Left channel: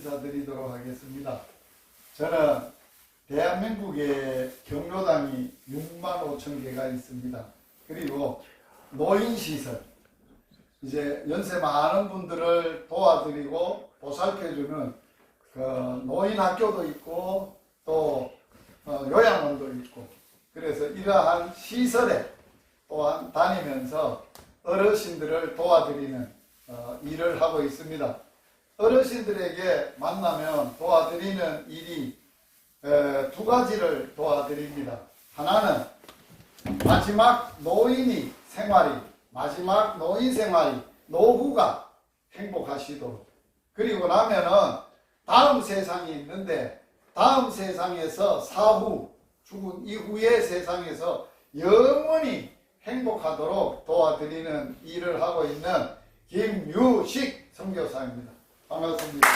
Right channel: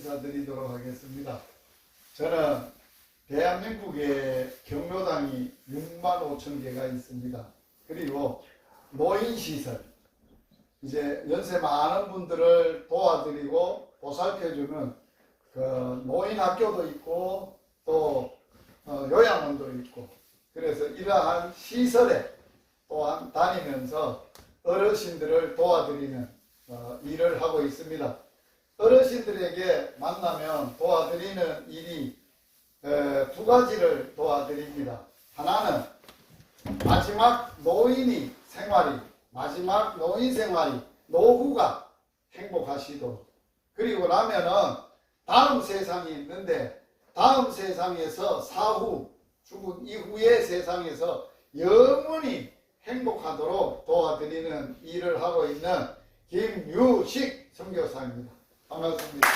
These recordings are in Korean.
인사드리도록 하겠습니다. 저는 대한민국에 경로당이 6만 5천 개가 있습니다. 그리고 노인시설, 이제 연세 많은 분들을 도와드리고 보살펴주는 그 노인학교도 있고 또 요양원도 있고, 그래서 이러한 시설에 또한 다니면서 어르신들을 도와드리는 일을 하고 있습니다. 어르신들에게 만나면 도와드리는 일이 두 가지를 도와드립니다. 하나는 마지막 노인 생활이 노후가 행복하시도록, 그리고 나면은 다음 세상이 있는데 다음 세상에서 사후 죽은 이후의 세상에서 영원히 행복하도록 도와드리는 일을 하고 있는 김유식 선교사입니다. 반갑습니다.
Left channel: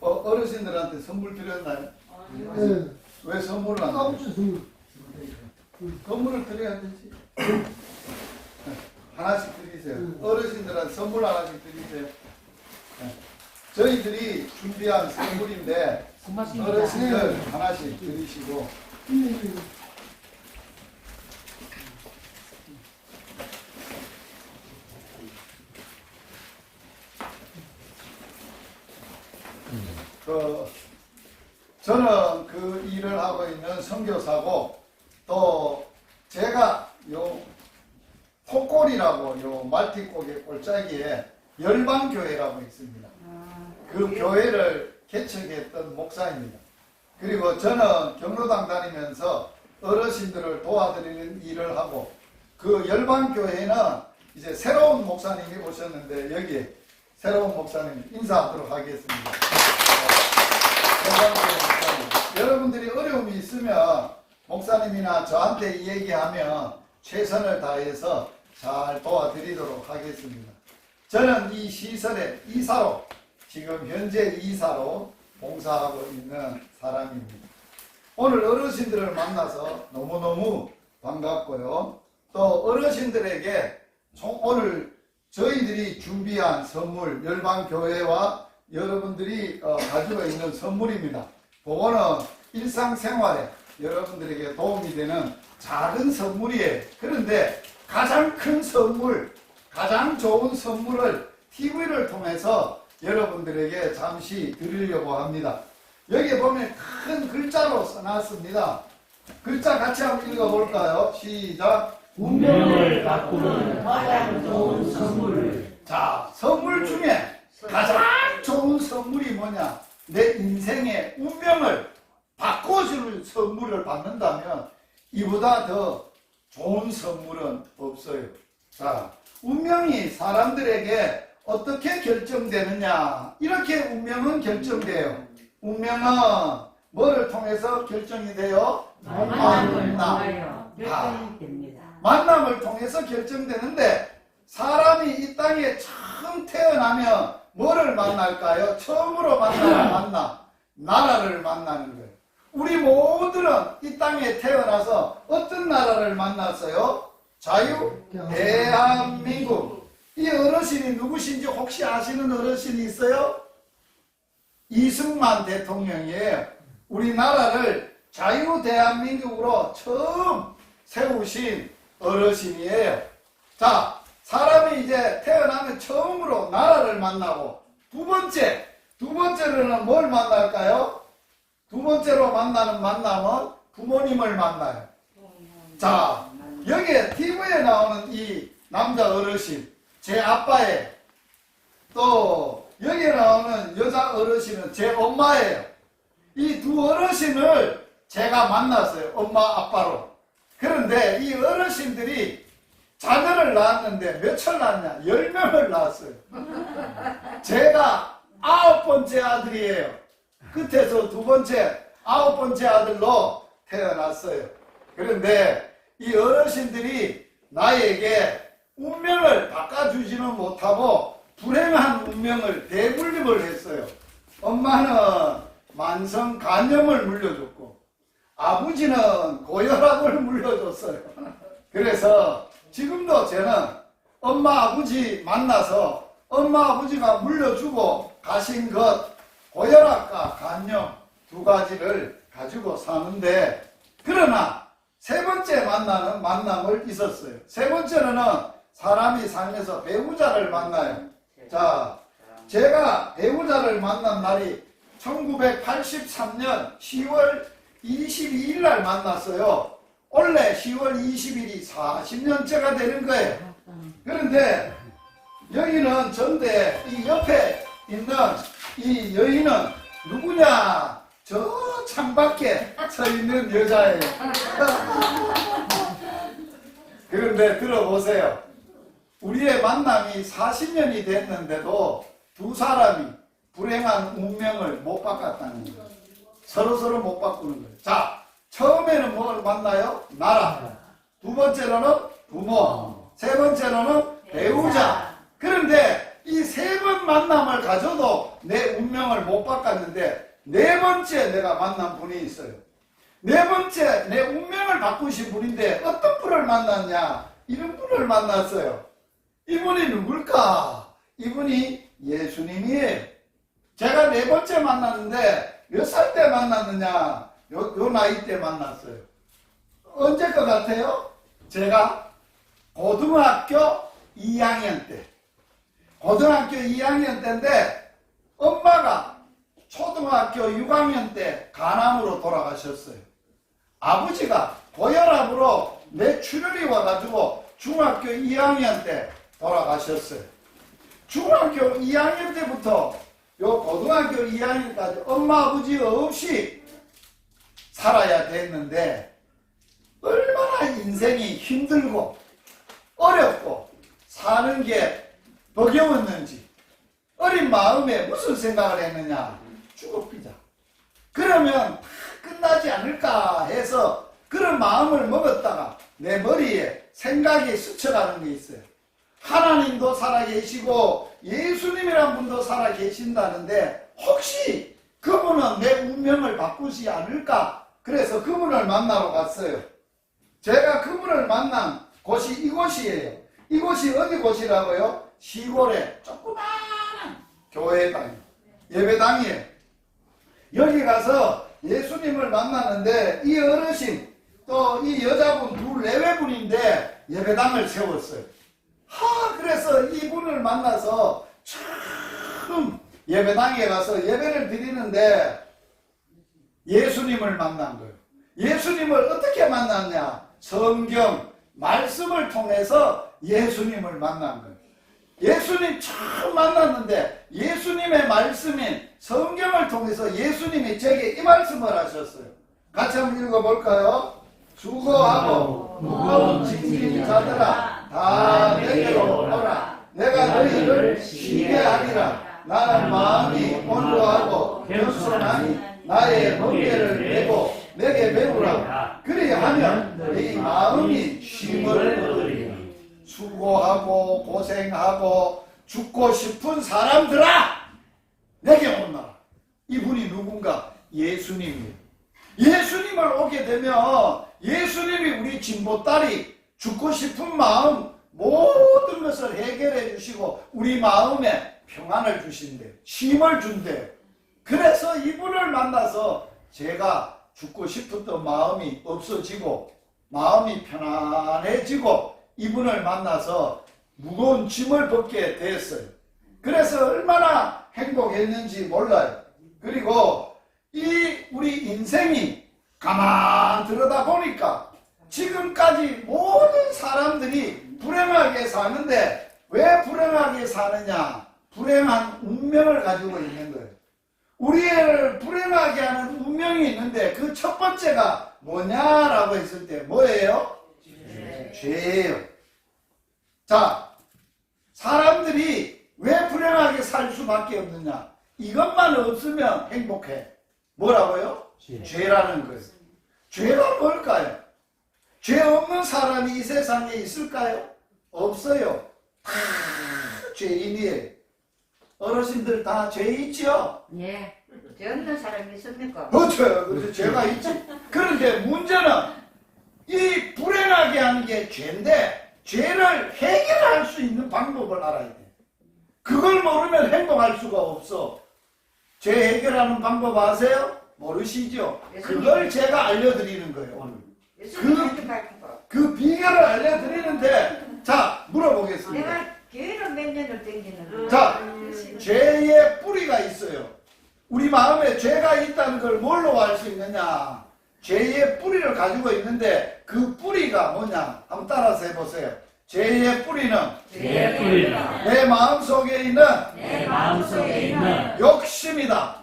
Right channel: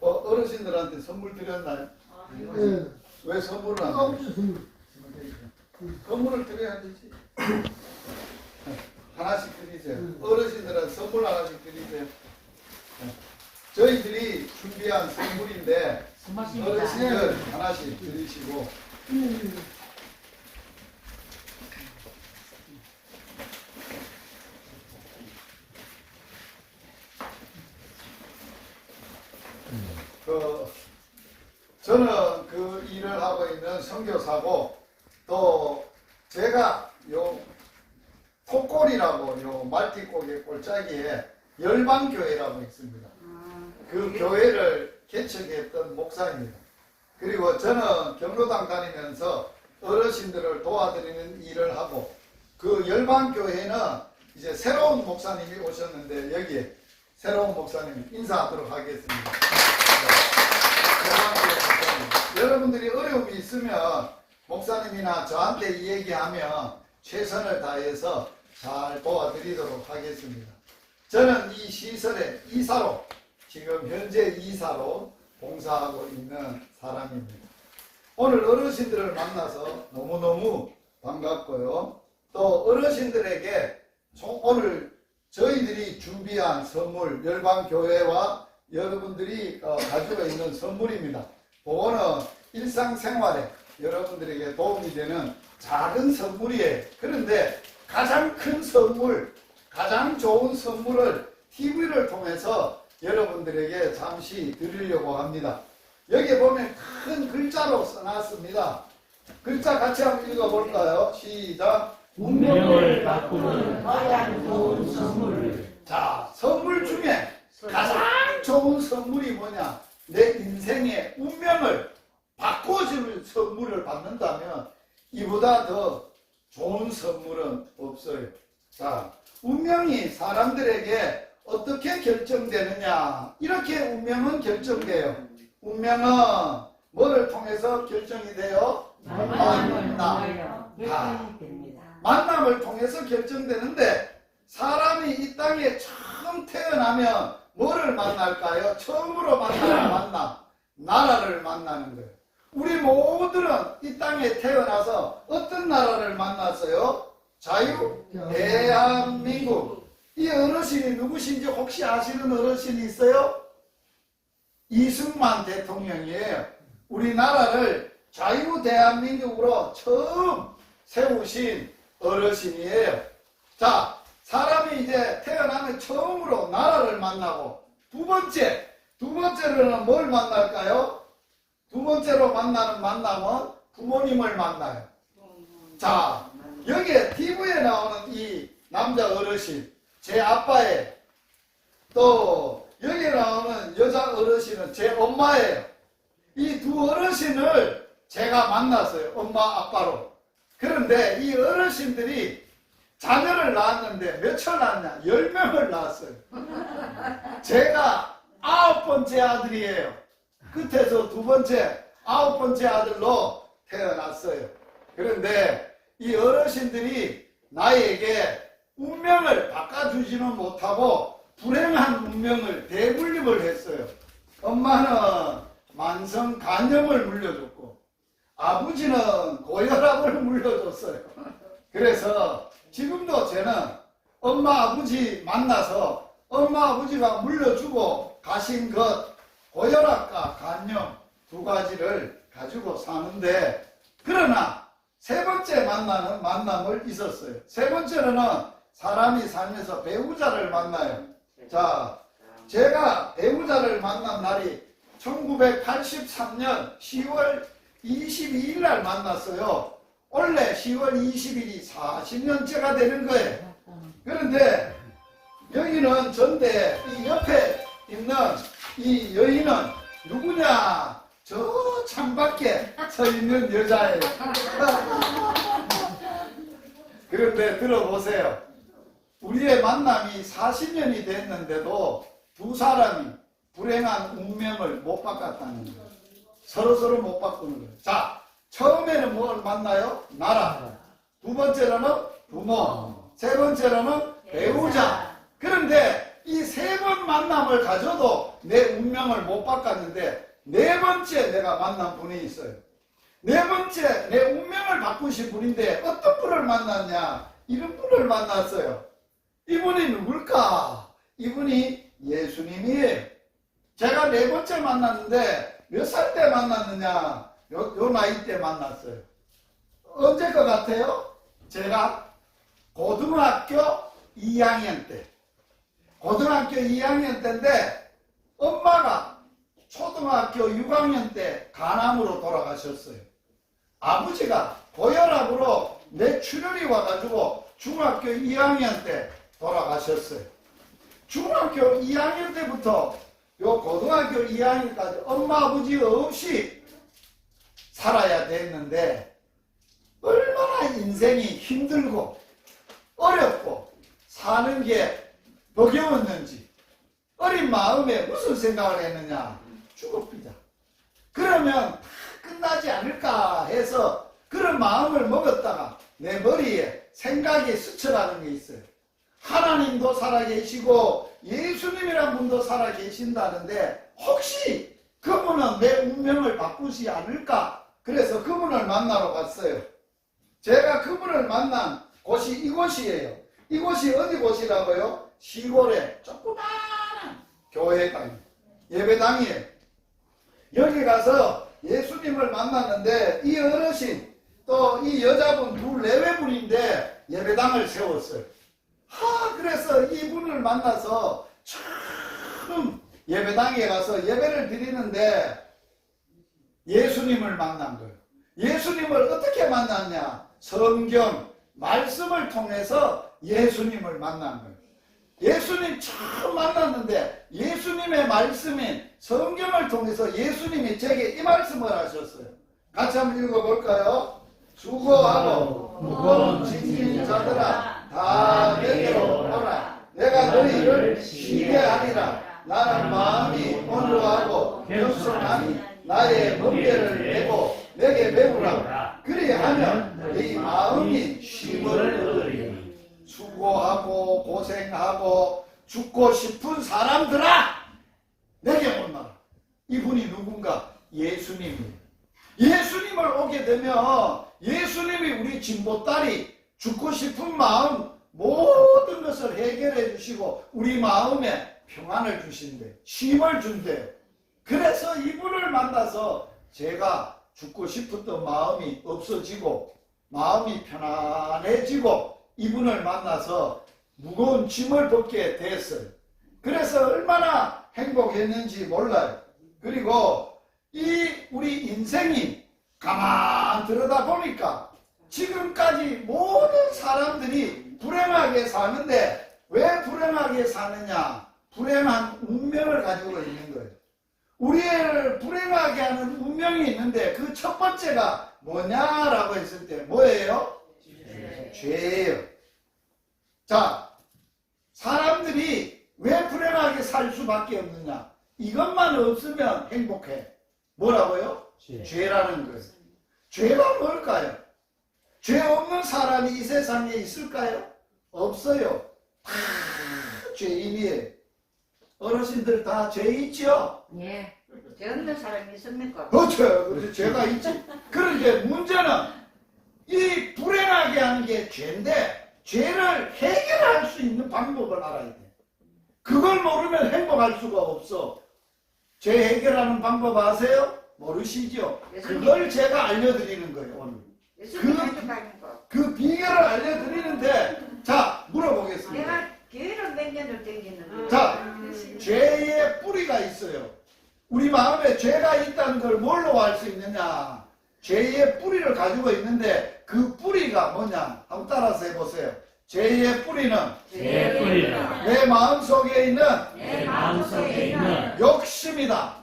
어르신들한테 선물 드렸나요? 네. 왜 선물을 안 드려요? 선물을 드려야 되지. 하나씩 드리세요. 어르신들한테 선물 하나씩 드리세요. 저희들이 준비한 선물인데 어르신들 하나씩 드리시고, 저는 그 일을 하고 있는 선교사고, 또 제가 요 콧골이라고 요 말티고개 골짜기에 열방교회라고 있습니다. 그 교회를 개척했던 목사입니다. 그리고 저는 경로당 다니면서 어르신들을 도와드리는 일을 하고, 그 열방교회는 이제 새로운 목사님이 오셨는데 여기에 새로운 목사님 인사하도록 하겠습니다. 여러분들이 어려움이 있으면 목사님이나 저한테 얘기하면 최선을 다해서 잘 도와드리도록 하겠습니다. 저는 이 시설의 이사로, 지금 현재 이사로 봉사하고 있는 사람입니다. 오늘 어르신들을 만나서 너무너무 반갑고요. 또 어르신들에게 오늘 저희들이 준비한 선물, 열방교회와 여러분들이 가지고 있는 선물입니다. 그거는 일상생활에 여러분들에게 도움이 되는 작은 선물이에요. 그런데 가장 큰 선물, 가장 좋은 선물을 TV를 통해서 여러분들에게 잠시 드리려고 합니다. 여기 보면 큰 글자로 써놨습니다. 글자 같이 한번 읽어볼까요? 시작. 운명을 바꾸는 가장 좋은 선물. 자, 선물 중에 가장 좋은 선물이 뭐냐? 내 인생의 운명을 바꿔줄 선물을 받는다면 이보다 더 좋은 선물은 없어요. 자, 운명이 사람들에게 어떻게 결정되느냐? 이렇게 운명은 결정돼요. 운명은 뭐를 통해서 결정이 돼요? 만남을 통해서 결정되는데, 사람이 이 땅에 처음 태어나면 뭐를 만날까요? 처음으로 만나는 나라를 만나는 거예요. 우리 모두는 이 땅에 태어나서 어떤 나라를 만났어요? 대한민국. 이 어르신이 누구신지 혹시 아시는 어르신이 있어요? 이승만 대통령이에요. 우리나라를 대한민국으로 처음 세우신 어르신이에요. 자, 사람이 이제 태어나면 처음으로 나라를 만나고, 두 번째로는 뭘 만날까요? 두 번째로 만나는 만남은 부모님을 만나요. 자, 여기에 TV에 나오는 이 남자 어르신, 제 아빠예요. 또 여기에 나오는 여자 어르신은 제 엄마예요. 이 두 어르신을 제가 만났어요. 엄마, 아빠로. 그런데 이 어르신들이 자녀를 낳았는데 몇을 낳았냐? 10명을 낳았어요. 제가 9번째 아들이에요. 끝에서 9번째 아들로 태어났어요. 그런데 이 어르신들이 나에게 운명을 바꿔주지는 못하고 불행한 운명을 대물림을 했어요. 엄마는 만성 간염을 물려줬고 아버지는 고혈압을 물려줬어요. 그래서 지금도 저는 엄마 아버지 만나서 엄마 아버지가 물려주고 가신 것 고혈압과 간염 두 가지를 가지고 사는데, 그러나 세 번째 만나는 만남을 있었어요. 세 번째로는 사람이 살면서 배우자를 만나요. 자, 제가 배우자를 만난 날이 1983년 10월 22일 날 만났어요. 원래 10월 20일이 40년째가 되는 거예요. 그런데 여기는 전데 이 옆에 있는 이 여인은 누구냐? 저 창밖에 서 있는 여자예요. 그런데 들어보세요. 우리의 만남이 40년이 됐는데도 두 사람이 불행한 운명을 못 바꿨다는 거예요. 서로 못 바꾸는 거예요. 자, 처음에는 뭘 만나요? 나라. 두 번째로는 부모. 세 번째로는 배우자. 그런데 이 세 번 만남을 가져도 내 운명을 못 바꿨는데 네 번째 내가 만난 분이 있어요. 네 번째 내 운명을 바꾸신 분인데 어떤 분을 만났냐? 이런 분을 만났어요. 이분이 누굴까? 이분이 예수님이에요. 제가 네 번째 만났는데 몇 살 때 만났느냐? 요 나이 때 만났어요. 언제 것 같아요? 제가 고등학교 2학년 때. 고등학교 2학년 때인데 엄마가 초등학교 6학년 때 간암으로 돌아가셨어요. 아버지가 고혈압으로 뇌출혈이 와가지고 중학교 2학년 때 돌아가셨어요. 중학교 2학년 때부터 요 고등학교 2학년까지 엄마 아버지 없이 살아야 됐는데 얼마나 인생이 힘들고 어렵고 사는 게 버거웠는지 어린 마음에 무슨 생각을 했느냐? 죽어비자. 그러면 끝나지 않을까 해서 그런 마음을 먹었다가 내 머리에 생각이 스쳐가는 게 있어요. 하나님도 살아계시고 예수님이란 분도 살아계신다는데 혹시 그분은 내 운명을 바꾸지 않을까? 그래서 그분을 만나러 갔어요. 제가 그분을 만난 곳이 이곳이에요. 이곳이 어디 곳이라고요? 시골에 조그마한 교회당, 예배당이에요. 여기 가서 예수님을 만나는데 이 어르신 또 이 여자분 둘 내외분인데 예배당을 세웠어요. 그래서 이분을 만나서 처음 예배당에 가서 예배를 드리는데 예수님을 만난 거예요. 예수님을 어떻게 만났냐? 성경 말씀을 통해서 예수님을 만난 거예요. 예수님 처음 만났는데 예수님의 말씀인 성경을 통해서 예수님이 제게 이 말씀을 하셨어요. 같이 한번 읽어볼까요? 수고하고 무거운 짐진 자들아 다 내게로 오라. 내가 너희를 쉬게 하리라. 나는 마음이 온유하고 겸손하니 나의 멍에를 메고 내게 배우라. 그리하면 네 마음이 쉼을 얻으리니. 수고하고 고생하고 죽고 싶은 사람들아 내게 온나라. 이분이 누군가? 예수님이에요. 예수님을 오게 되면 예수님이 우리 진보딸이 죽고 싶은 마음 모든 것을 해결해 주시고 우리 마음에 평안을 주신대, 쉼을 준대. 그래서 이분을 만나서 제가 죽고 싶었던 마음이 없어지고 마음이 편안해지고 이분을 만나서 무거운 짐을 벗게 됐어요. 그래서 얼마나 행복했는지 몰라요. 그리고 이 우리 인생이 가만 들여다 보니까 지금까지 모든 사람들이 불행하게 사는데 왜 불행하게 사느냐? 불행한 운명을 가지고 있는 거예요. 우리를 불행하게 하는 운명이 있는데 그 첫 번째가 뭐냐라고 했을 때 뭐예요? 죄예요. 자, 사람들이 왜 불행하게 살 수밖에 없느냐? 이것만 없으면 행복해. 뭐라고요? 죄라는 거예요. 죄가 뭘까요? 죄 없는 사람이 이 세상에 있을까요? 없어요. 다 죄인이에요. 어르신들 다 죄 있죠? 예. 죄 없는 사람이 있습니까? 그렇죠. 죄가 있지. 그런데 문제는 이 불행하게 하는 게 죄인데 죄를 해결할 수 있는 방법을 알아야 돼. 그걸 모르면 행복할 수가 없어. 죄 해결하는 방법 아세요? 모르시죠? 그걸 제가 알려드리는 거예요, 오늘. 그 비결을 알려드리는데, 자, 물어보겠습니다. 내가 교회를 몇 년을 다니는 자, 죄의 뿌리가 있어요. 우리 마음에 죄가 있다는 걸 뭘로 알 수 있느냐? 죄의 뿌리를 가지고 있는데 그 뿌리가 뭐냐? 한번 따라서 해보세요. 죄의 뿌리는 내 마음속에 있는 욕심이다.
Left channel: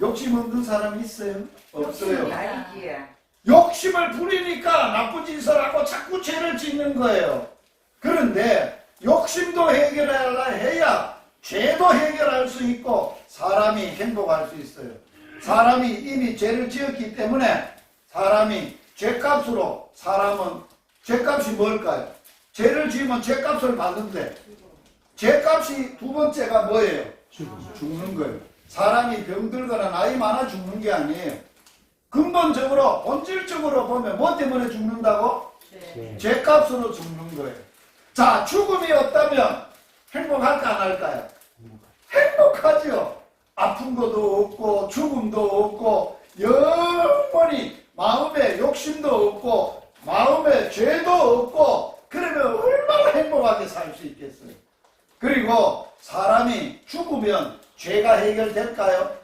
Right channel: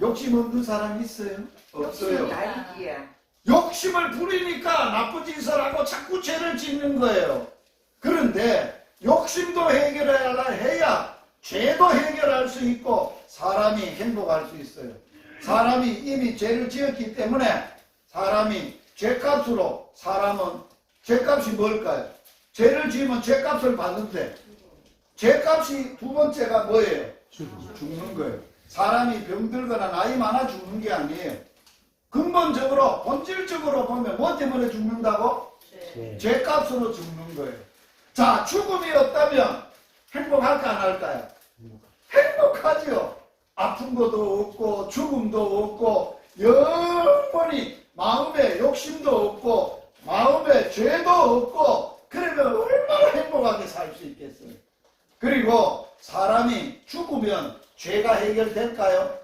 욕심 없는 사람이 있어요? 없어요. 욕심을 부리니까 나쁜 짓을 하고 자꾸 죄를 짓는 거예요. 그런데 욕심도 해결해야 죄도 해결할 수 있고 사람이 행복할 수 있어요. 사람이 이미 죄를 지었기 때문에 사람이 죄값으로 사람은 죄값이 뭘까요? 죄를 지으면 죄값을 받는데 죄값이 두 번째가 뭐예요? 죽는 거예요. 사람이 병들거나 나이 많아 죽는 게 아니에요. 근본적으로 본질적으로 보면 뭐 때문에 죽는다고? 죄값으로 죽는 거예요. 자, 죽음이 없다면 행복할까 안 할까요? 행복하죠. 아픈 것도 없고 죽음도 없고 영원히 마음에 욕심도 없고 마음에 죄도 없고 그러면 얼마나 행복하게 살 수 있겠어요. 그리고 사람이 죽으면 죄가 해결될까요?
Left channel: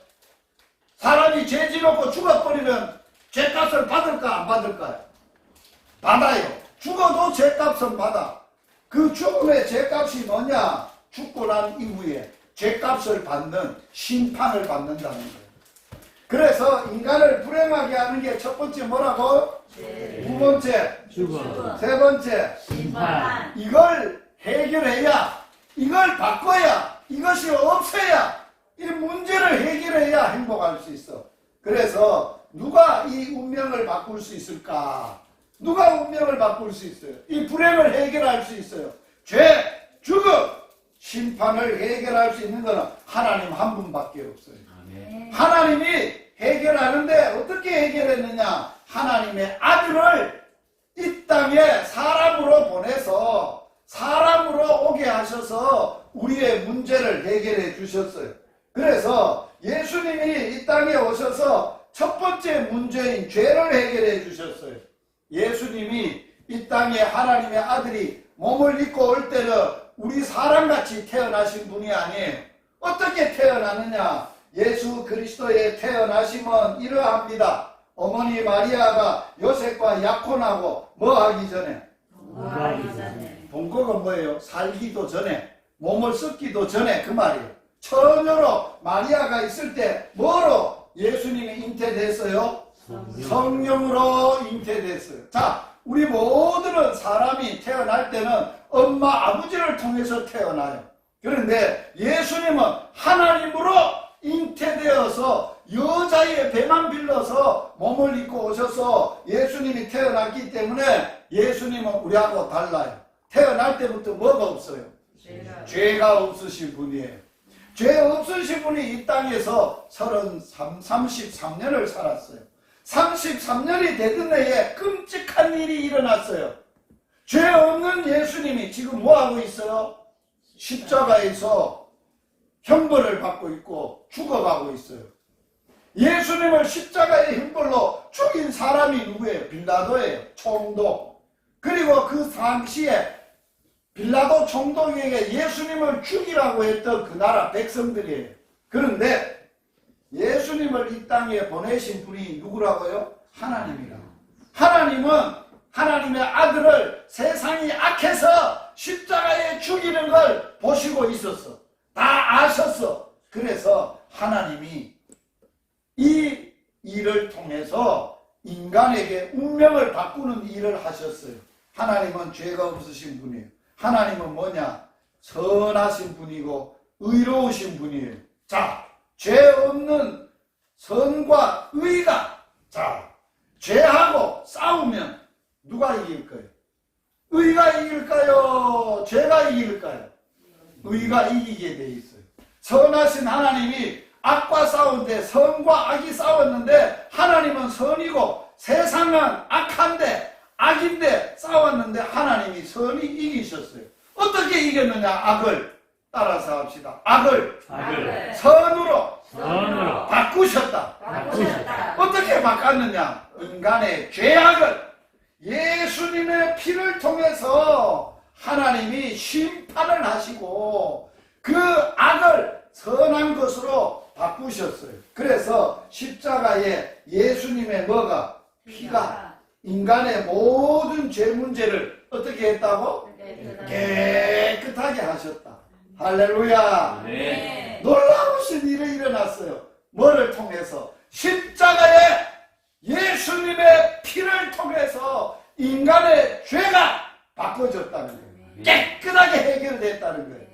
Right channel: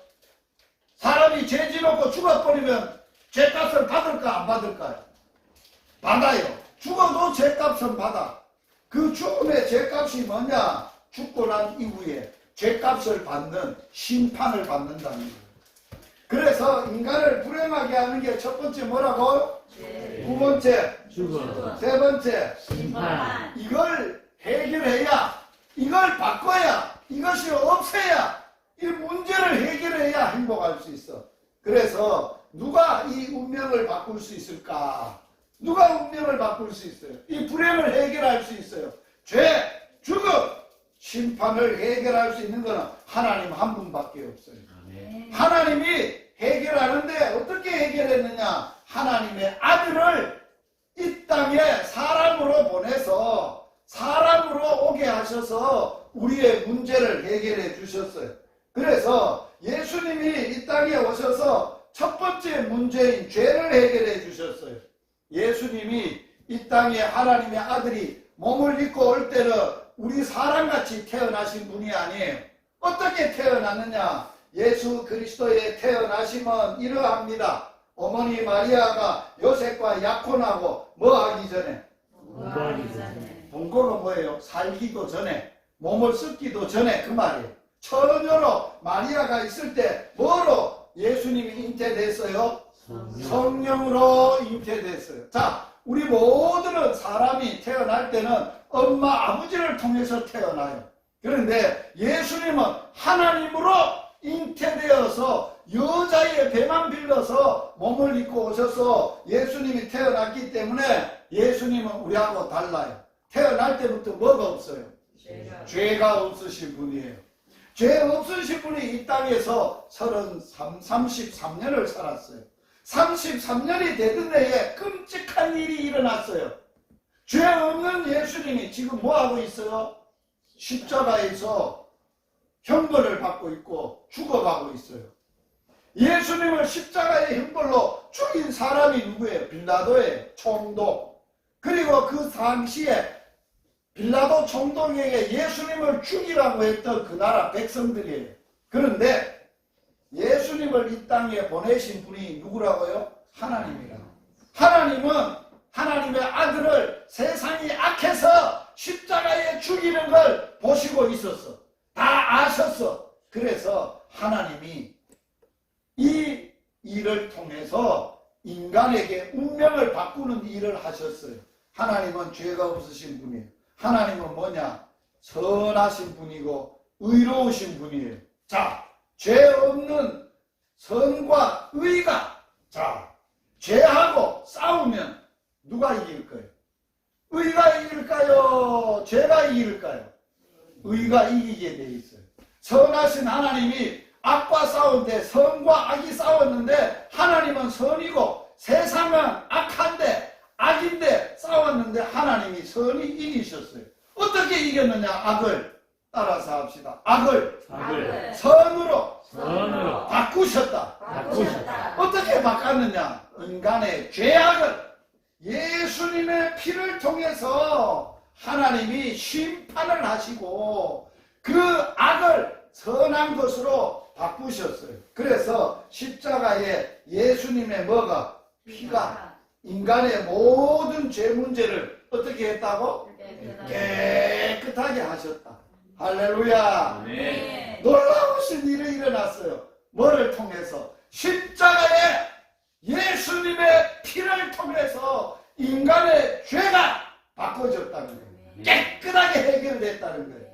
사람이 죄 지놓고 죽어버리면 죄값을 받을까 안 받을까요? 받아요. 죽어도 죄값은 받아. 그 죽음의 죄값이 뭐냐? 죽고 난 이후에 죄값을 받는 심판을 받는다는 거예요. 그래서 인간을 불행하게 하는 게 첫 번째 뭐라고? 두 번째, 세 번째, 이걸 해결해야, 이걸 바꿔야, 이것이 없애야, 이 문제를 해결해야 행복할 수 있어. 그래서 누가 이 운명을 바꿀 수 있을까? 누가 운명을 바꿀 수 있어요? 이 불행을 해결할 수 있어요. 죄, 죽음, 심판을 해결할 수 있는 것은 하나님 한 분밖에 없어요. 하나님이 해결하는데 어떻게 해결했느냐? 하나님의 아들을 이 땅에 사람으로 보내서 사람으로 오게 하셔서 우리의 문제를 해결해 주셨어요. 그래서 예수님이 이 땅에 오셔서 첫 번째 문제인 죄를 해결해 주셨어요. 예수님이 이 땅에 하나님의 아들이 몸을 입고 올 때는 우리 사람같이 태어나신 분이 아니에요. 어떻게 태어나느냐? 예수 그리스도의 태어나심은 이러합니다. 어머니 마리아가 요셉과 약혼하고 뭐 하기 전에? 본거가 뭐예요? 살기도 전에, 몸을 썩기도 전에 그 말이에요. 처녀로 마리아가 있을 때 뭐로 예수님이 잉태됐어요? 성령으로 잉태됐어요. 자, 우리 모두는 사람이 태어날 때는 엄마 아버지를 통해서 태어나요. 그런데 예수님은 하나님으로 잉태되어서 여자의 배만 빌려서 몸을 입고 오셔서 예수님이 태어났기 때문에 예수님은 우리하고 달라요. 태어날 때부터 뭐가 없어요? 죄가 없으신 분이에요. 죄 없으신 분이 이 땅에서 33년을 살았어요. 33년이 되던 해에 끔찍한 일이 일어났어요. 죄 없는 예수님이 지금 뭐하고 있어요? 십자가에서 형벌을 받고 있고 죽어가고 있어요. 예수님을 십자가의 형벌로 죽인 사람이 누구예요? 빌라도예요. 총독. 그리고 그 당시에 빌라도 총독에게 예수님을 죽이라고 했던 그 나라 백성들이에요. 그런데 예수님을 이 땅에 보내신 분이 누구라고요? 하나님이라고. 하나님은 하나님의 아들을 세상이 악해서 십자가에 죽이는 걸 보시고 있었어. 다 아셨어. 그래서 하나님이 이 일을 통해서 인간에게 운명을 바꾸는 일을 하셨어요. 하나님은 죄가 없으신 분이에요. 하나님은 뭐냐? 선하신 분이고 의로우신 분이에요. 자, 죄 없는 선과 의가, 자, 죄하고 싸우면 누가 이길 거예요? 의가 이길까요? 죄가 이길까요? 의가 이기게 돼 있어요. 선하신 하나님이 악과 싸운데 선과 악이 싸웠는데 하나님은 선이고 세상은 악한데 악인데 싸웠는데 하나님이 선이 이기셨어요. 어떻게 이겼느냐? 악을 따라서 합시다. 악을 선으로 바꾸셨다. 어떻게 바꿨느냐? 인간의 죄악을 예수님의 피를 통해서 하나님이 심판을 하시고 그 악을 선한 것으로 바꾸셨어요. 그래서 십자가에 예수님의 뭐가? 피가 인간의 모든 죄 문제를 어떻게 했다고? 깨끗하게 하셨다. 할렐루야. 네. 놀라우신 일이 일어났어요. 뭐를 통해서? 십자가에 예수님의 피를 통해서 인간의 죄가 바꿔졌다는 거예요. 깨끗하게 해결됐다는 거예요.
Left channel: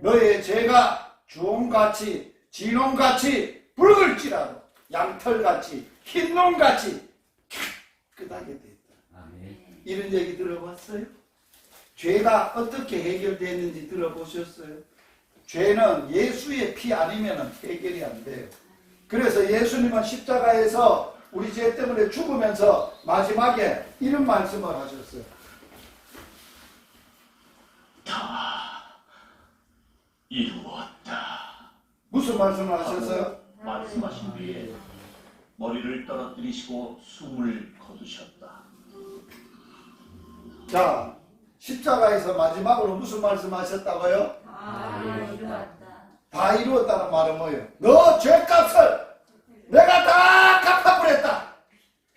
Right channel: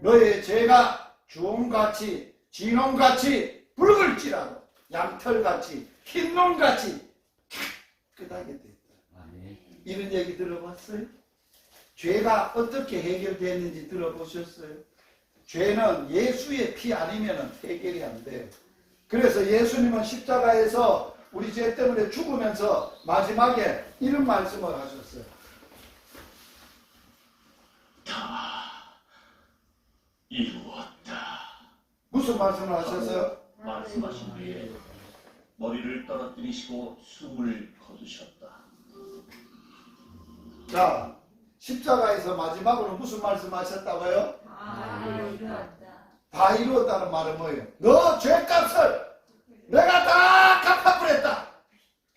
너의 죄가 주홍같이 진홍같이 붉을지라도 양털같이 흰농같이 깨끗하게 됐다. 이런 얘기 들어봤어요? 죄가 어떻게 해결되는지 들어보셨어요? 죄는 예수의 피 아니면 해결이 안 돼요. 그래서 예수님은 십자가에서 우리 죄 때문에 죽으면서 마지막에 이런 말씀을 하셨어요. 다 이루었다. 무슨 말씀을 하셨어요? 말씀하신 뒤에 머리를 떨어뜨리시고 숨을 거두셨다. 자, 십자가에서 마지막으로 무슨 말씀하셨다고요? 다 이루었다는 말은 뭐예요? 너 죄값을 내가 다 갚아버렸다.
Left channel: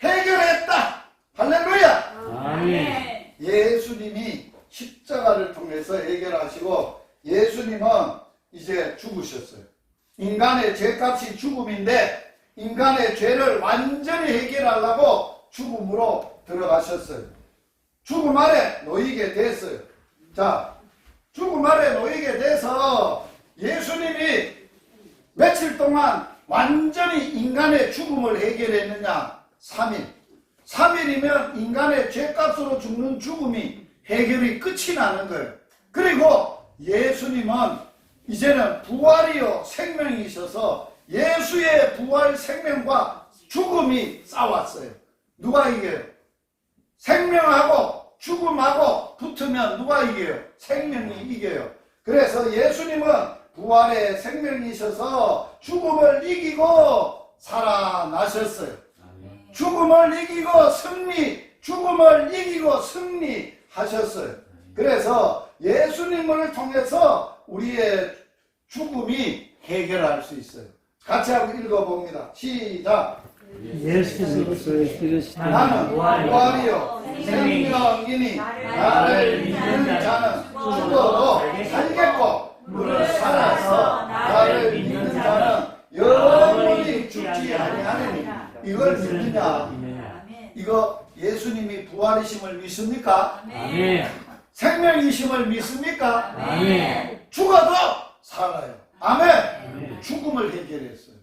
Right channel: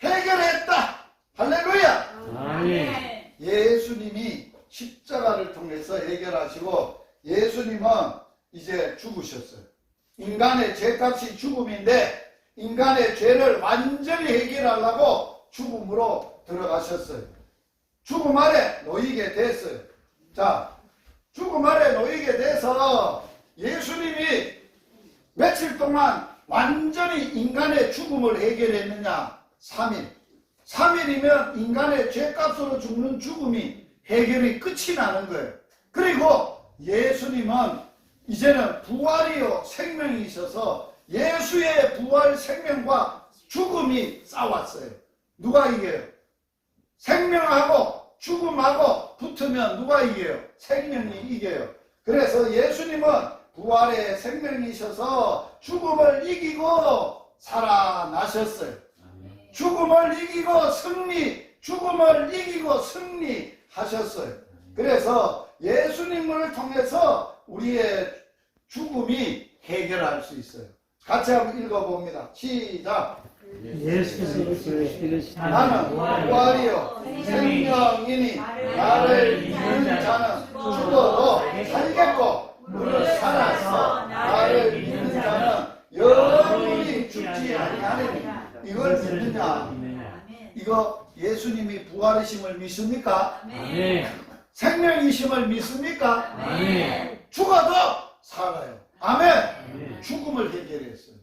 해결했다. 할렐루야. 아멘. 예수님이 십자가를 통해서 해결하시고 예수님은 이제 죽으셨어요. 인간의 죄값이 죽음인데 인간의 죄를 완전히 해결하려고 죽음으로 들어가셨어요. 죽음 아래 놓이게 됐어요. 자, 죽음 아래 놓이게 돼서 예수님이 며칠 동안 완전히 인간의 죽음을 해결했느냐? 3일. 3일이면 인간의 죄값으로 죽는 죽음이 해결이 끝이 나는 거예요. 그리고 예수님은 이제는 부활이요 생명이셔서 예수의 부활 생명과 죽음이 싸웠어요. 누가 이겨요? 생명하고 죽음하고 붙으면 누가 이겨요? 생명이 이겨요. 그래서 예수님은 부활의 생명이셔서 죽음을 이기고 살아나셨어요. 죽음을 이기고 죽음을 이기고 승리하셨어요. 그래서 예수님을 통해서 우리의 죽음이 해결할 수 있어요. 같이 한번 읽어봅니다. 시작. 예수께서 이르시되 나는 부활이요 생명이니 나를 믿는 자는 죽어도 살겠고 무릇 살아서 나를 믿는 자는 영원히 죽지 아니하리니. 이걸 믿느냐? 이거 예수님이 부활이심을 믿습니까? 아멘. 생명이심을 믿습니까? 아멘. 죽어도 살아요. 아멘. 죽음을 해결했어요.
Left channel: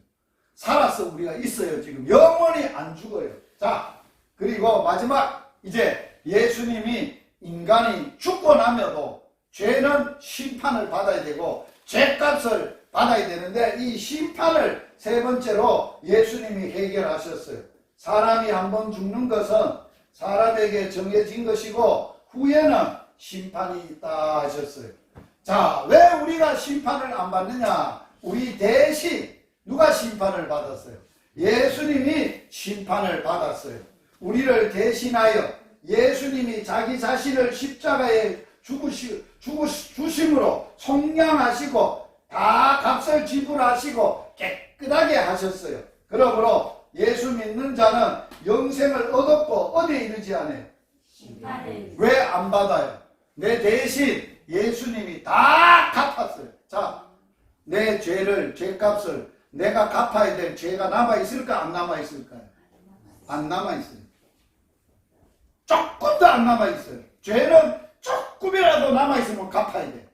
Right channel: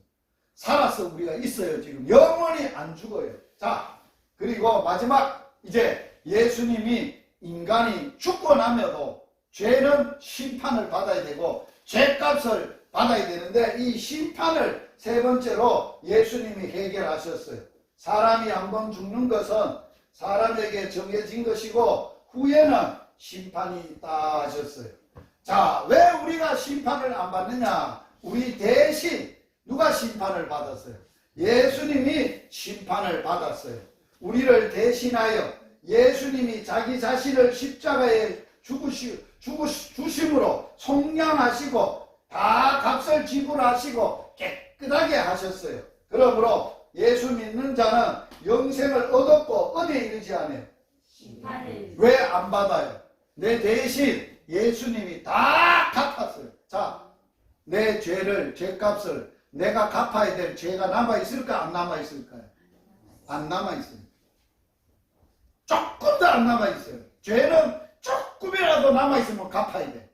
살아서 우리가 있어요. 지금 영원히 안 죽어요. 자, 그리고 마지막 이제 예수님이 인간이 죽고 나면도 죄는 심판을 받아야 되고 죄값을 받아야 되는데 이 심판을 세 번째로 예수님이 해결하셨어요. 사람이 한번 죽는 것은 사람에게 정해진 것이고 후에는 심판이 있다 하셨어요. 자, 왜 우리가 심판을 안 받느냐? 우리 대신 누가 심판을 받았어요? 예수님이 심판을 받았어요. 우리를 대신하여 예수님이 자기 자신을 십자가에 죽으심으로 속량하시고 다 값을 지불하시고 깨끗하게 하셨어요. 그러므로 예수 믿는 자는 영생을 얻었고 어디에 이르지 않아요? 왜 안 받아요? 내 대신 예수님이 다 갚았어요. 자, 내 죄값을 내가 갚아야 될 죄가 남아있을까? 안 남아있을까요? 안 남아있어요. 조금도 안 남아있어요. 죄는 조금이라도 남아있으면 갚아야 돼.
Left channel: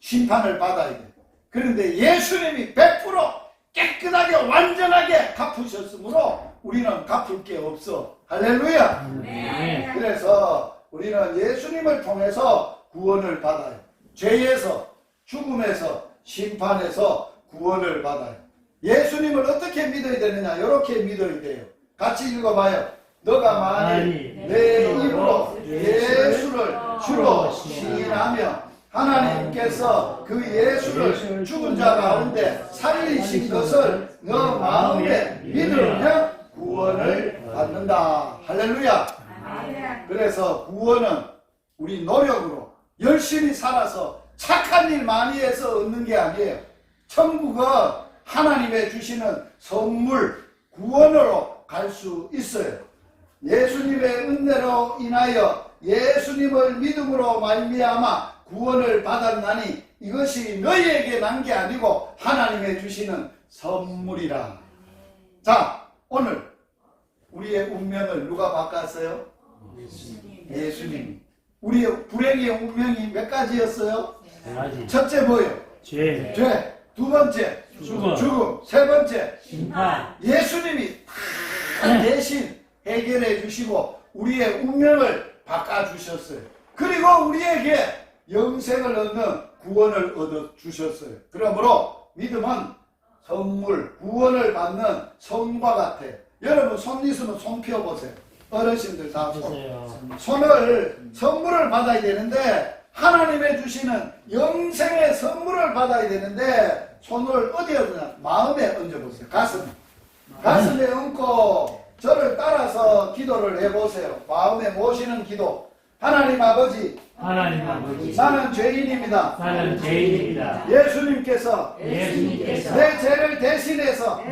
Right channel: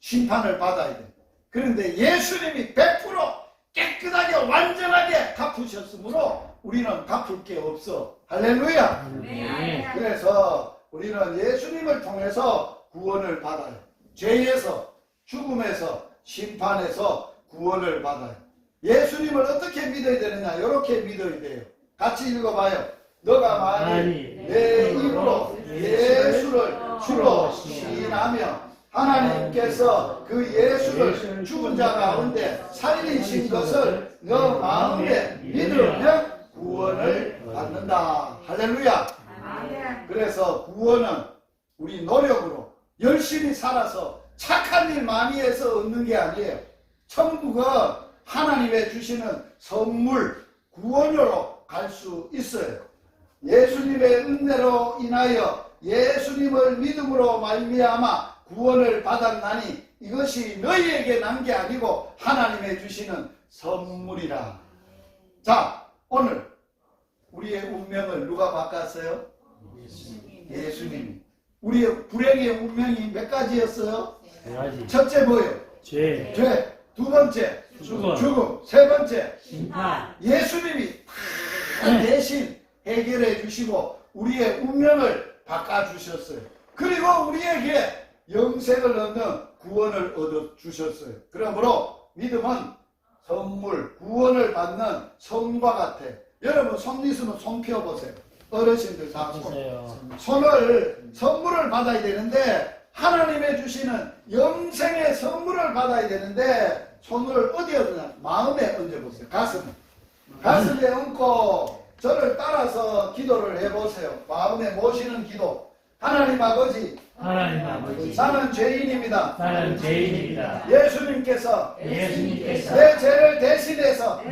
심판을 받아야 돼. 그런데 예수님이 100% 깨끗하게 완전하게 갚으셨으므로 우리는 갚을 게 없어. 할렐루야. 네. 그래서 우리는 예수님을 통해서 구원을 받아요. 죄에서 죽음에서 심판에서 구원을 받아요. 예수님을 어떻게 믿어야 되느냐? 이렇게 믿어야 돼요. 같이 읽어봐요. 너가 만일 내 입으로 예수를 주로 시인하며 하나님께서 그 예수를 죽은 자 가운데 살리신 것을 너 마음에 믿으면 구원을 받는다. 할렐루야. 그래서 구원은 우리 노력으로 열심히 살아서 착한 일 많이 해서 얻는 게 아니에요. 천국은 하나님의 주시는 선물, 구원으로 갈 수 있어요. 예수님의 은혜로 인하여 예수님을 믿음으로 말미암아 구원을 받았나니 이것이 너희에게 난 게 아니고 하나님의 주시는 선물이라. 자, 오늘 우리의 운명을 누가 바꿨어요? 예수님. 우리의 불행의 운명이 몇 가지였어요? 첫째 뭐예요? 죄, 두 번째 죽음, 세 번째 심판, 예수님이 다 대신 해결해 주시고 우리의 운명을 바꿔주셨어요. 그리고 우리에게 영생을 얻는 구원을 얻어 주셨어요. 그러므로 믿음은 선물, 구원을 받는 손과 같아요. 여러분 손 있으면 손 펴보세요. 어르신들 다 손을 선물을 받아야 되는데 하나님의 주시는 영생의 선물을 받아야 되는데 손을 어디에 얹냐? 마음에 얹어보세요. 가슴에 얹고 저를 따라서 기도를 해보세요. 마음에 모시는 기도. 하나님 아버지, 나는 죄인입니다. 예수님께서 내 죄를 대신해서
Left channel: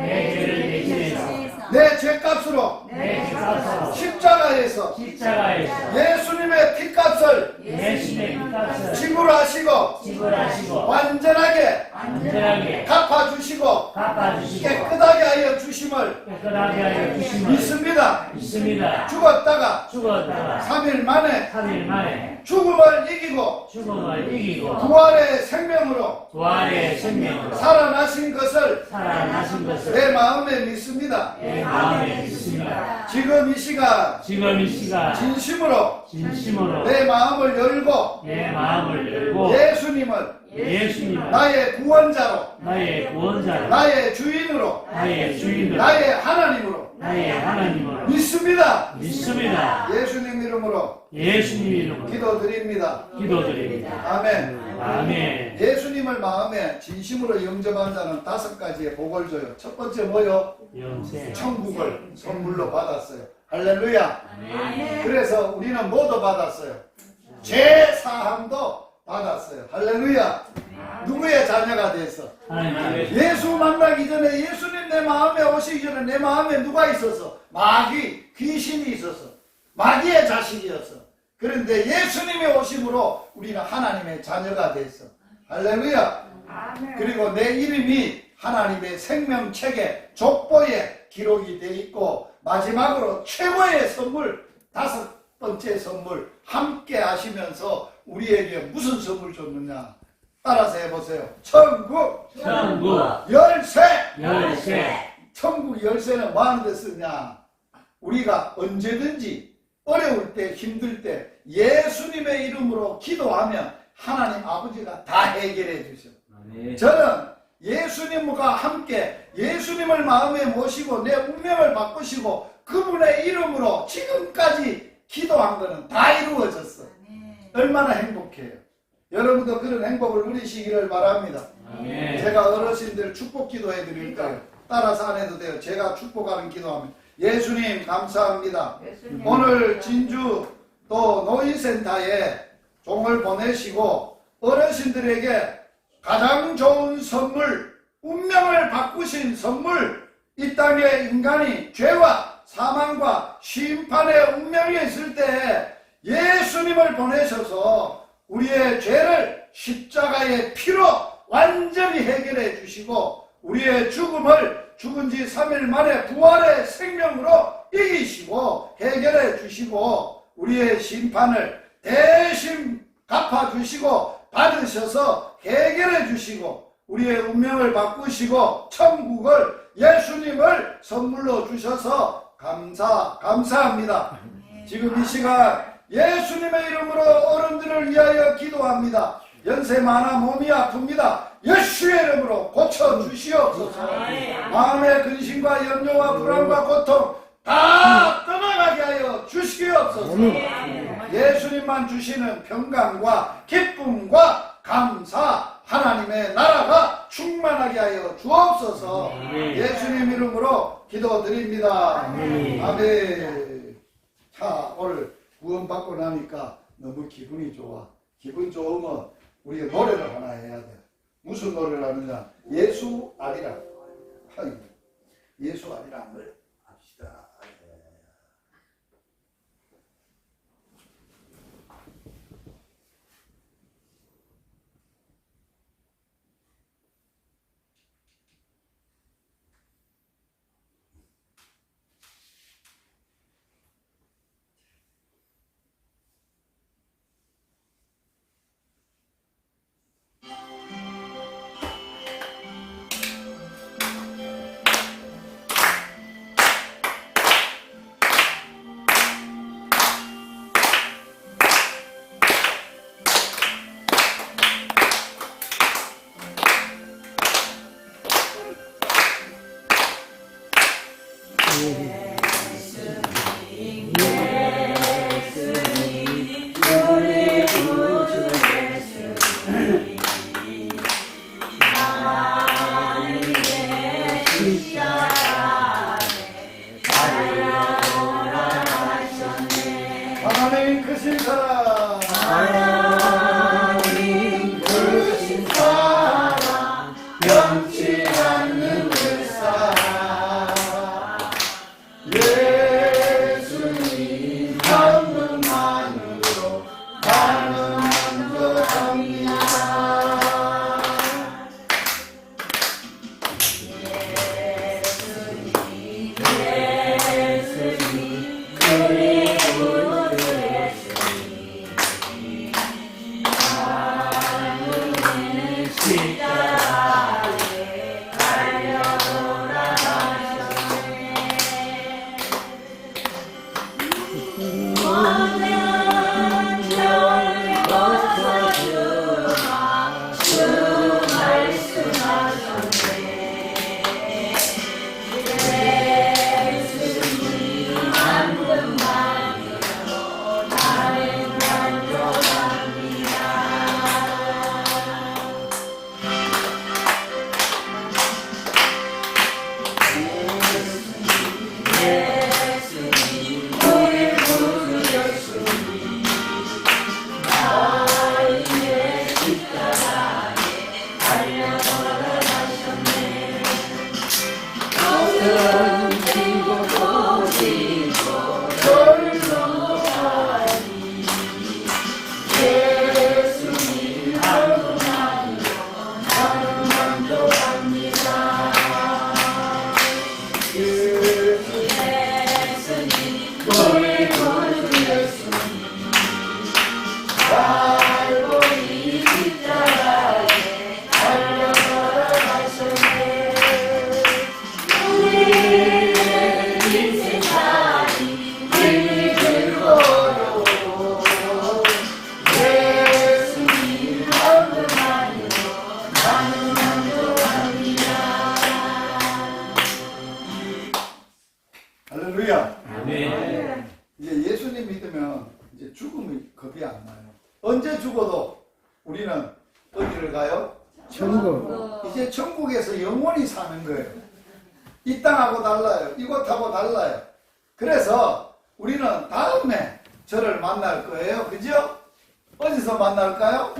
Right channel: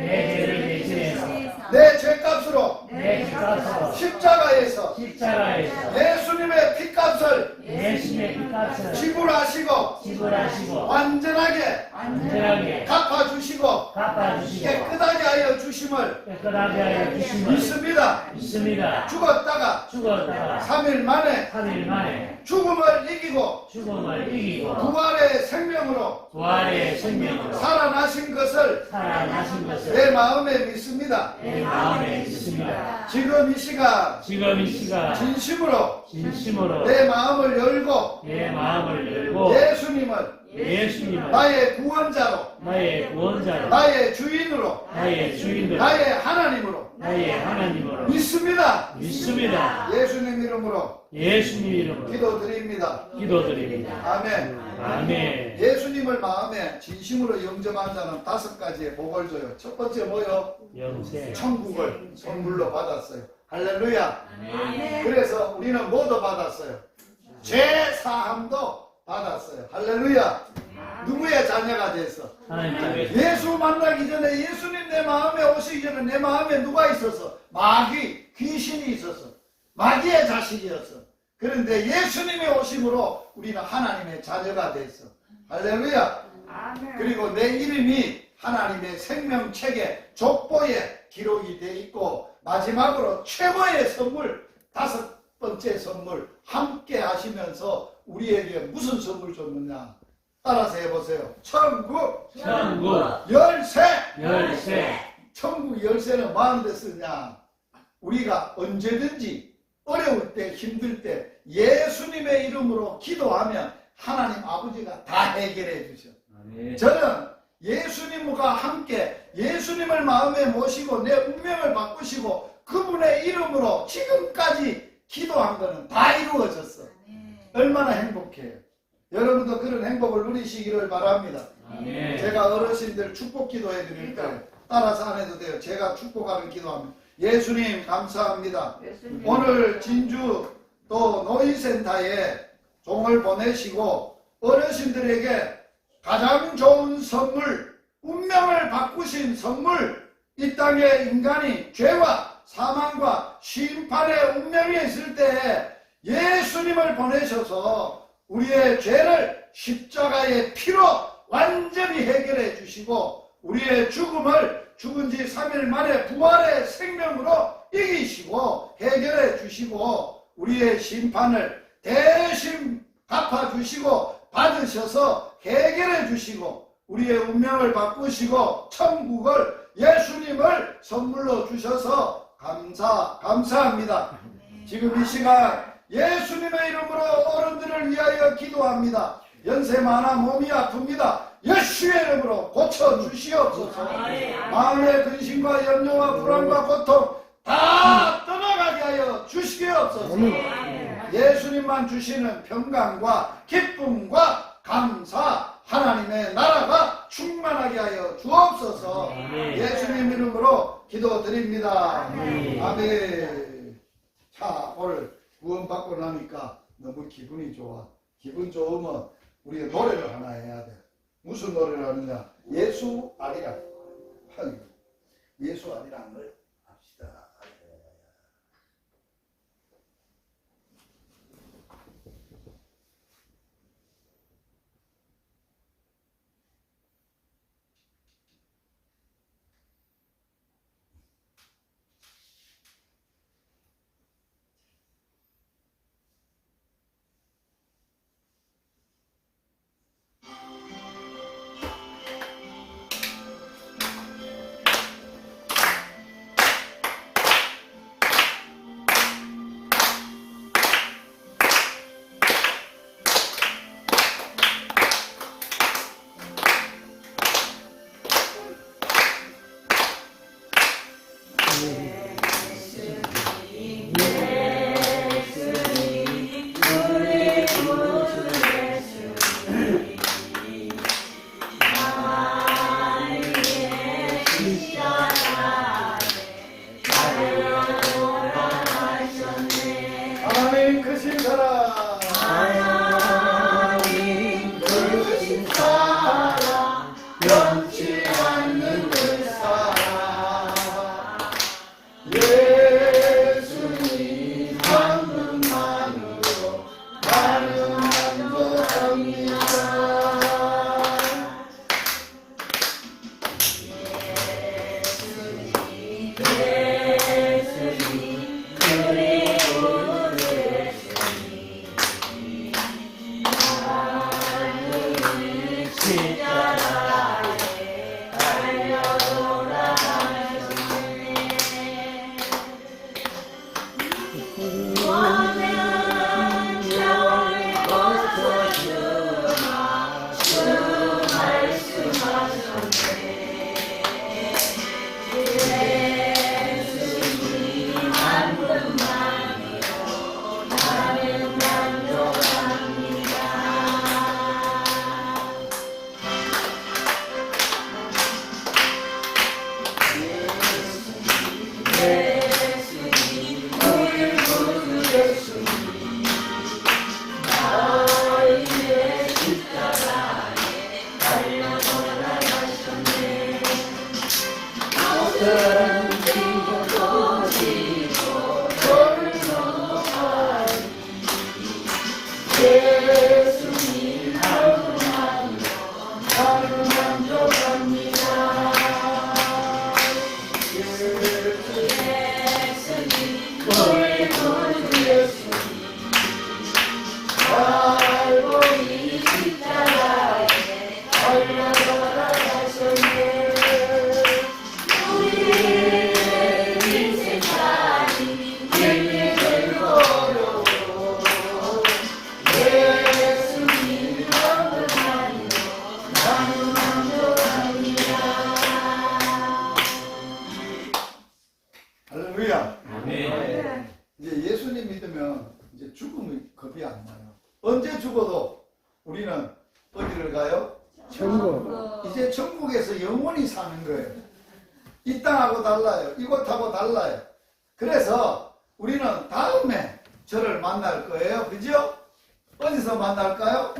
내 죄값으로 십자가에서 예수님의 핏값을 지불하시고 완전하게 갚아주시고 깨끗하게 하여 주심을 믿습니다. 죽었다가 3일 만에 죽음을 이기고 부활의 생명으로 살아나신 것을 내 마음에 믿습니다. 지금 이 시간 진심으로 내 마음을 열고 예수님을 나의 구원자로 나의 주인으로 나의 하나님으로 믿습니다. 예수님 이름으로 기도드립니다. 아멘. 예수님을 마음에 진심으로 영접한 자는 5가지의 복을 줘요. 첫 번째 뭐요? 천국을 선물로 받았어요. 할렐루야. 그래서 우리는 뭐도 받았어요? 죄 사함도 받았어요. 할렐루야. 누구의 자녀가 됐어? 예수 만나기 전에 예수님 내 마음에 오시기 전에 내 마음에 누가 있었어? 마귀, 귀신이 있었어. 마귀의 자식이었어. 그런데 예수님의 오심으로 우리는 하나님의 자녀가 됐어. 할렐루야. 그리고 내 이름이 하나님의 생명책에 족보에 기록이 되어 있고 마지막으로 최고의 선물, 5번째 선물 함께 하시면서 우리에게 무슨 선물 줬느냐? 따라서 해보세요. 천국 열쇠. 천국 열쇠는 뭐 하는 데 쓰냐? 우리가 언제든지 어려울 때 힘들 때 예수님의 이름으로 기도하면 하나님 아버지가 다 해결해 주셔. 저는 예수님과 함께 예수님을 마음에 모시고 내 운명을 바꾸시고 그분의 이름으로 지금까지 기도한 거는 다 이루어졌어. 얼마나 행복해요. 여러분도 그런 행복을 누리시기를 바랍니다. 제가 어르신들 축복 기도해 드릴까요? 따라서 안 해도 돼요. 제가 축복하는 기도하면 예수님 감사합니다. 오늘 진주 또 노인센터에 종을 보내시고 어르신들에게 가장 좋은 선물, 운명을 바꾸신 선물, 이 땅에 인간이 죄와 사망과 심판의 운명이 있을 때 예수님을 보내셔서 우리의 죄를 십자가의 피로 완전히 해결해 주시고 우리의 죽음을 죽은 지 3일 만에 부활의 생명으로 이기시고 해결해 주시고 우리의 심판을 대신 갚아주시고 받으셔서 해결해 주시고 우리의 운명을 바꾸시고 천국을 예수님을 선물로 주셔서 감사합니다. 지금 이 시간 예수님의 이름으로 어른들을 위하여 기도합니다. 연세 많아 몸이 아픕니다. 예수의 이름으로 고쳐주시옵소서. 마음의 근심과 염려와 불안과 고통 다 떠나가게 하여 주시옵소서. 예수님만 주시는 평강과 기쁨과 감사, 하나님의 나라가 충만하게 하여 주옵소서. 예수님 이름으로 기도드립니다. 아멘. 자, 오늘 구원받고 나니까 너무 기분이 좋아. 기분 좋으면 우리가 노래를 하나 해야 돼. 무슨 노래를 하느냐? 예수 아리라. 예수 아리랑을 합시다. 하나님 크신 사랑, 하나님 크신 사랑, 변치 않는 그 사랑, 예수님 한 분만으로 나는 만족합니다. 할렐루야. 아멘. 이제 예수님 믿으면 이제 죽음이 겁이 안 나요. 언제 죽어도 우리는 어디를 가요? 천국. 이제 천국에서 영원히 사는 거예요. 이 땅하고 달라요. 이곳하고 달라요. 그래서 우리는 다음에 저를 만날 거예요. 그죠? 어디서 만날까요?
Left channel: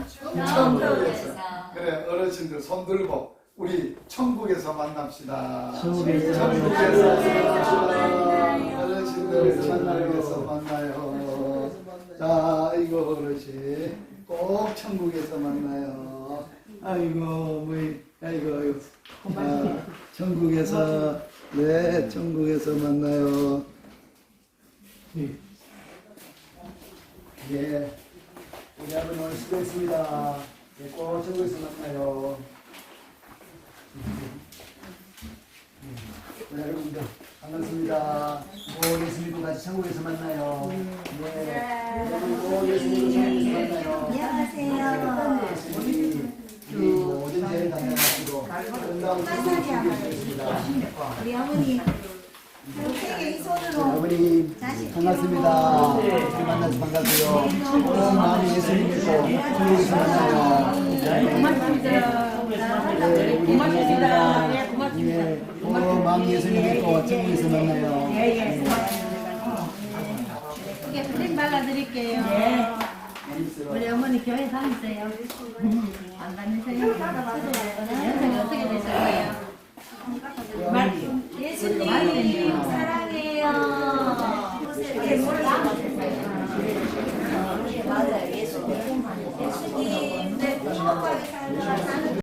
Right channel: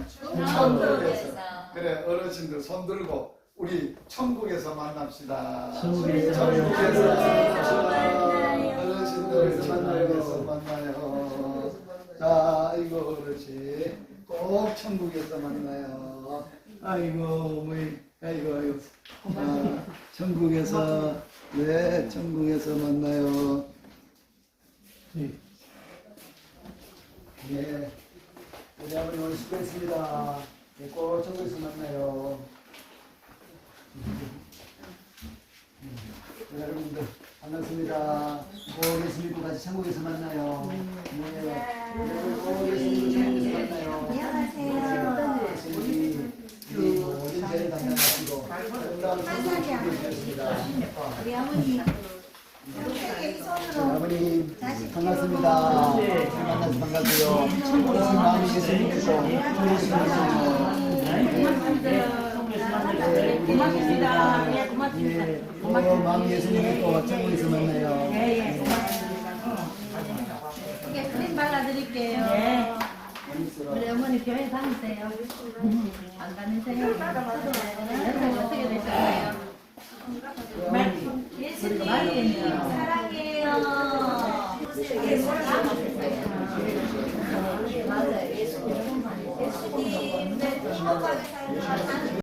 천국에서. 그래, 어르신들 손 들고 우리 천국에서 만납시다. 천국에서 어르신들 천국에서 만나요. 자, 이거 어르신 꼭 천국에서 만나요. 아이고, 아이고, 천국에서, 네, 천국에서 만나요. 네, 우리 아버님 오늘 수고했습니다. 네, 꼭 천국에서 만나요. 네, 여러분들 반갑습니다. 꼭 예수 믿고 같이 천국에서 만나요. 네, 여러분 꼭 예수 믿고 천국에서 만나요. 안녕하세요. 예수님이 우리 모든 죄를 교회 담당하시고 건강 주시겠습니다. 우리 어머니 아버님 반갑습니다. 만나서 반갑고요. 마음이 예수님 믿고 예수 만나요. 마음이 예수님 믿고 천국에서 만나요. 이게 크림 발라드릴게요. 우리 어머니 교회 다니세요? 안 다니세요? 연세가 어떻게 되세요? 예수님 사랑해요.